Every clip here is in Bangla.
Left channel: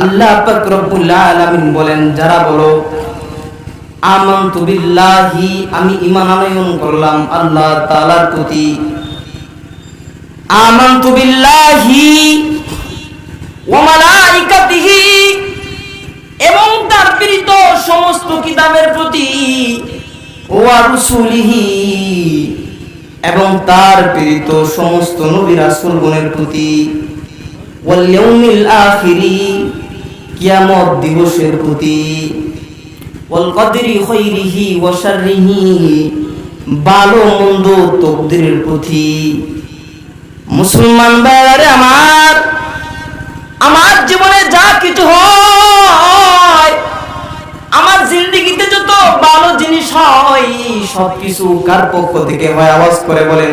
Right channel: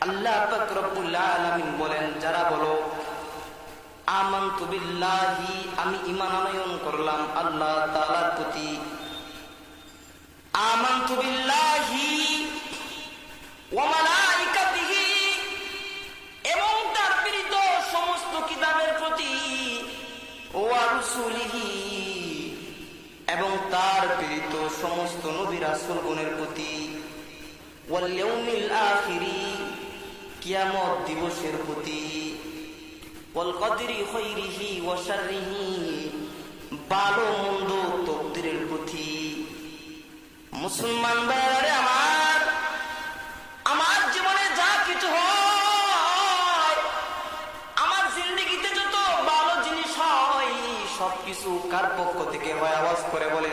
আল্লাহ পাক রব্বুল আলামিন বলেন, যারা বলো আমানতু বিল্লাহি, আমি ঈমান আনয়ন করলাম আল্লাহ তাআলার প্রতি, আমানতু বিল্লাহি ওয়া মালাইকাতিহি, এবং তার প্রেরিত সমস্ত কিতাবের প্রতি, ওয়া রুসুলিহি, এবং তার প্রেরিত সমস্ত নবী রাসূলগণের প্রতি, ওয়াল ইয়াউমিল আখিরি, কিয়ামত দিবসের প্রতি, ওয়াল কদরি খাইরিহি ওয়া শাররিহি, ভালো মন্দ তকদিরের প্রতি। মুসলমান ভাইরা আমার জীবনে যা কিছু হয়, আমার জিন্দেগিতে যত ভালো জিনিস হয়, সবকিছু কার পক্ষ থেকে হয়? আওয়াজ করে বলেন।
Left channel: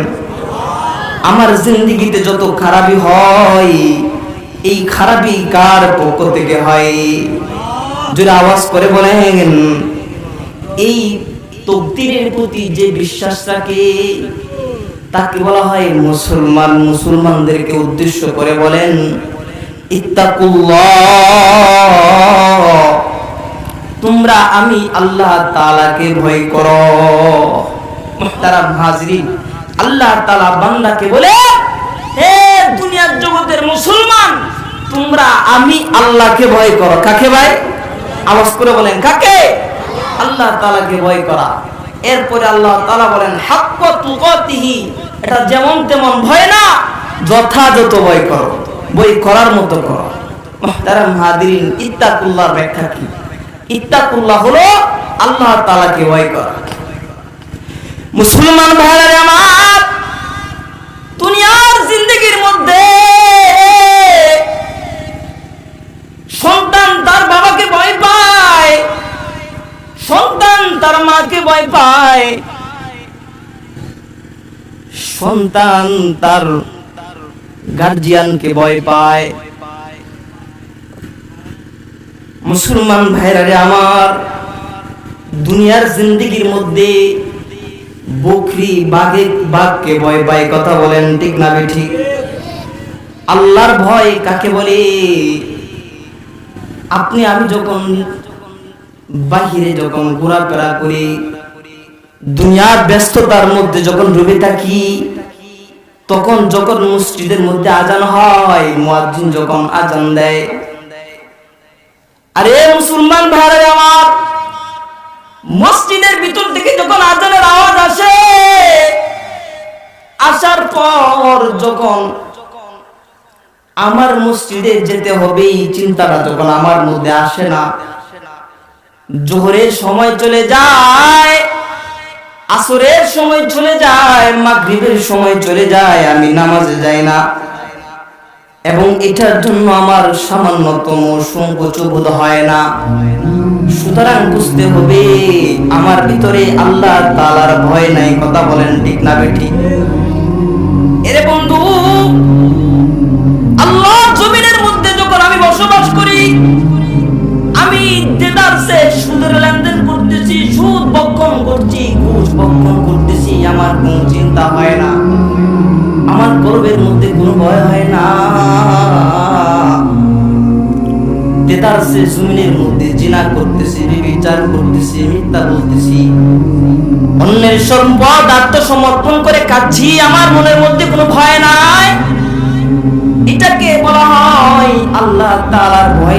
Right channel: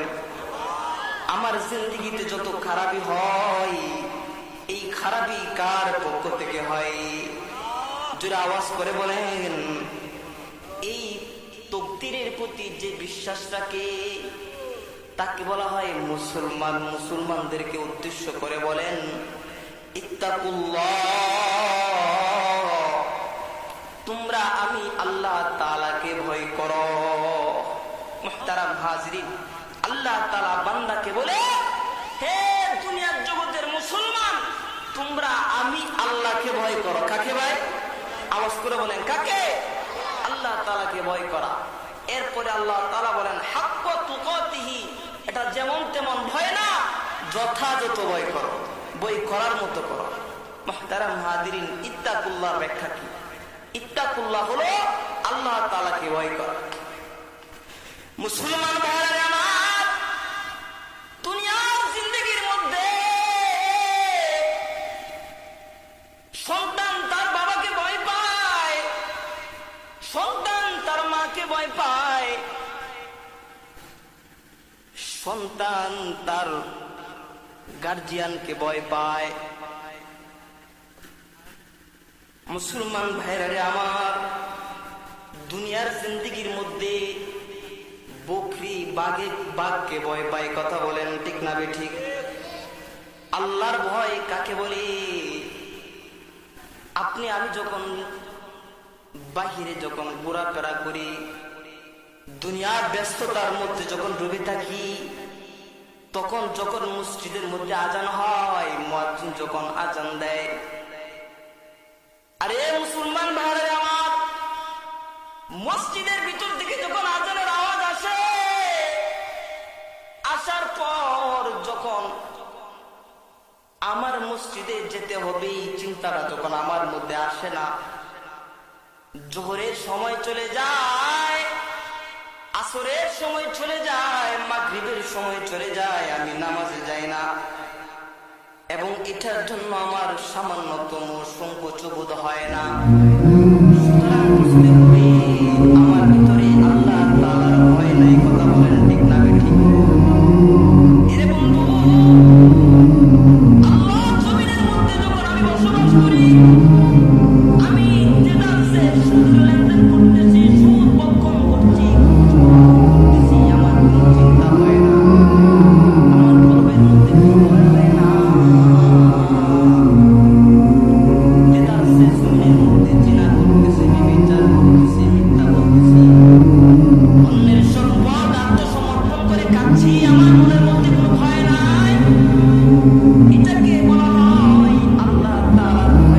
আমার জিন্দেগিতে যত খারাপই হয়, এই খারাপই কার পক্ষ থেকে হয়? যদি আওয়াজ করে বলেন। এই তকদিরের প্রতি যে বিশ্বাস রাখে তাকে বলা হয় মুসলমান। মুসলমানদেরকে উদ্দেশ্য করে বলেন, ইত্তাকুল্লাহ, তোমরা আমি আল্লাহ তাআলাকে ভয় করো। মুহতারাম হাজিরিন, আল্লাহ তাআলা বান্দাকে বলে, হে দুনিয়ার জগতের মুসলমান, তোমরা আমি আল্লাহকে ভয় করো। কাকে ভাই? আওয়াজ করে বলেন, কাকে? আল্লাহ তাআলাকে ভয় করা। এরপরে আল্লাহ তাআলা বলেন, হাক্কা তুকাতিহি, এটা যেমন তেমন ভয় না, যথাযথ ভয় করো, ভয় করার মতো করো। মুহতারাম হাজিরিন, ইত্তাকুল্লাহর ব্যাখ্যা কি? ইত্তাকুল্লাহ হলো আল্লাহ তাআলাকে ভয় করা। মুসলমান ভাইরা আমার, দুনিয়ার জিন্দেগির মধ্যে সন্তান তার বাবাকে ভয় পায়, সন্তান তার মাকে ভয় পায়, সন্তান তার গার্জিয়ানকে ভয় পায়। মুসলমান ভাইরা আমার, দুনিয়ার জিন্দেগির মধ্যে বকরি বাঘকে ভয় পায়। কথা বলেন ঠিক না বেঠিক? আল্লাহর ভয় কাকে বলে? আপনি আমি যখন বাহিরে যখন ঘোরাফেরা করি, দুনিয়ার ব্যস্ততার মধ্যে যখন ডুবে থাকি, তখন যখন মসজিদের মধ্যে আজান হয়, মুয়াজ্জিন যখন আজান দেয়, আরে মুসলমান ভাইরা আমার, মসজিদের ভিতর থেকে যখন আজানের আওয়াজ আসে, আসার পর যখন আমার মসজিদে যেতে হবে এই চিন্তাটা যখন আমার মধ্যে আসে না, জোহরের সময় চলে যায়, আসরের সময় চলে যায়, মাগরিবের সময় চলে যায়, আমি নামাজে যাই না, এবং এটার জন্য আমার সামান্যতম সংকোচ বোধ হয় না। সুতরাং বুঝতে হবে আমার ভিতরে আল্লাহ তাআলার ভয় নাই। কথা বলেন ঠিক না বেঠিক? এরে বন্ধু, আল্লাহ জমিনের মধ্যে যখন আমি বসবাস করি, আমি দেদারসে সুদের লেনদেন করতেছি, সুদ বক্ষণ করছি, ঘুষ বক্ষণ করতেছি, আমার কোন চিন্তা হয় না, আমার কলবের মধ্যে কোনো ভয় হয় না। দেদারসে জমিনের মধ্যে জিনা করতেছি, বিচার করতেছি, মিথ্যা বলতেছি, অন্যের সম্পদ আত্মসমর্পণ করে কাচ্ছি, আমার মনের মধ্যে কোনো ভয় নাই। এটাকে বলা হয় আল্লাহ তাআলার ভয়